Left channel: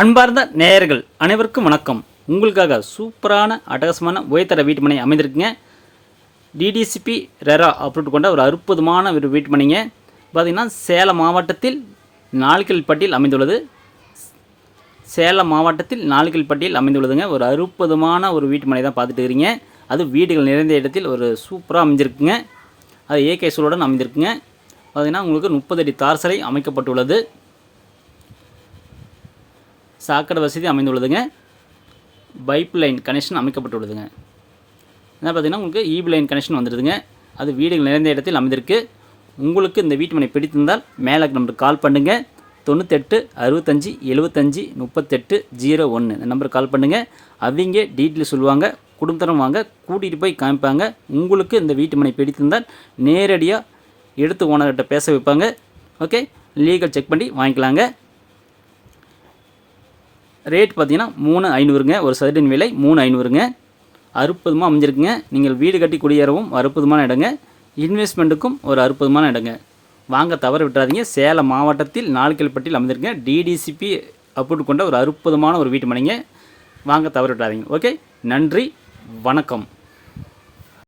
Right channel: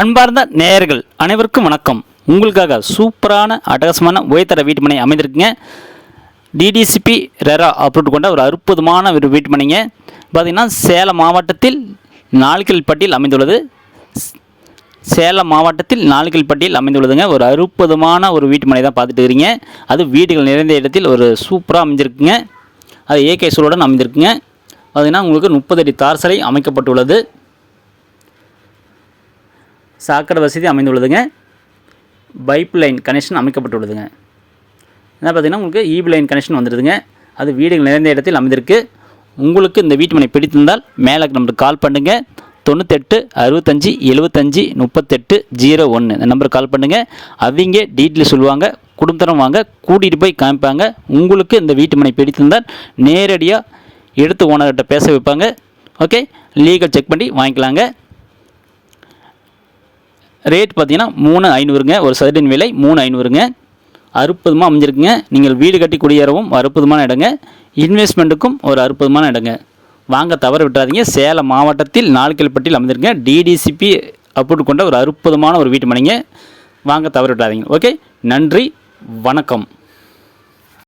அன்பார்ந்த நேயர்கள் அனைவருக்கும் வணக்கம். உங்களுக்காக சூப்பரான அட்டகாசமான உயர்தர வீட்டுமனை அமைந்திருக்குங்க. டிடிசிபி ரெரா அப்ரூவ் கொண்ட ஒரு அற்புதமான ஒரு வீட்டுமனைங்க. பார்த்திங்கன்னா சேலம் மாவட்டத்தில் நாலுக்கல்பட்டியில் அமைந்துள்ளது. சேலம் மாவட்டத்தில் நாலுக்கல்பட்டியில் அமைந்துள்ளதுங்க. ஒரு அற்புதமான ஒரு வீட்டுமனை தான் பார்த்துட்டு இருக்கிறீங்க. அது வீடுகள் நிறைந்த இடத்தில் ஒரு சூப்பராக அமைஞ்சிருக்குங்க. அது ஏகே சூழலுடன் அமைந்திருக்குங்க. பார்த்திங்கன்னா உங்களுக்கு 30 அடி தார் சாலை அமைக்கப்பட்டுள்ளது. சாக்கடை வசதி அமைந்துள்ளதுங்க. பைப் லைன் கனெக்ஷன் அமைக்கப்பட்டுள்ளதுங்க. என்ன பார்த்திங்கன்னா உங்களுக்கு ஈபி லைன் கனெக்ஷன் வந்துடுதுங்க. அது வீடுகள் நிறைந்த இடத்தில் அமைந்திருக்கு. உங்களுக்கு இந்த வீட்டுமனை பிடித்திருந்தால் மேலே நம்பருக்கு கால் பண்ணுங்கள். 98 65 75 38 01 இந்த நம்பருக்கு கால் பண்ணுங்கள். அவங்க டீட்டெயில் சொல்லுவாங்க. குடும்பத்தரம் வாங்க கூட்டிகிட்டு போய் காமிப்பாங்க. உங்களுக்கு இந்த வீட்டுமனை பிடித்திருந்தால் நேரடியாக எடுத்து ஓனர்கிட்ட பேச வைப்பாங்க. ஓகே, லீகல் செக் பண்ணி வாங்கிக்கலாங்க. ரேட் பார்த்தீங்கன்னா 3500ங்க. ஒரு சதுரடியின் விலை 3500ங்க. அற்புதமாக அமைஞ்சிருக்குங்க. நீங்கள் வீடு கட்டி குடியேறவும் அற்புதமான இடங்க. இன்வெஸ்ட்மெண்ட்டுக்கும் ஒரு அற்புதமான இடங்க. வாங்க தவற விட்டுறாதீங்க. சேலம் மாவட்டத்தில் நாலுக்கல்பட்டியில் அமைஞ்சிருக்குங்க. டிடிசிபி அப்ரூவ் கொண்ட ஒரு அற்புதமான ஒரு வீட்டு மனைங்க. வாங்க தவற விட்டுறாதீங்க. ஓகே, நன்றி, வணக்கம்.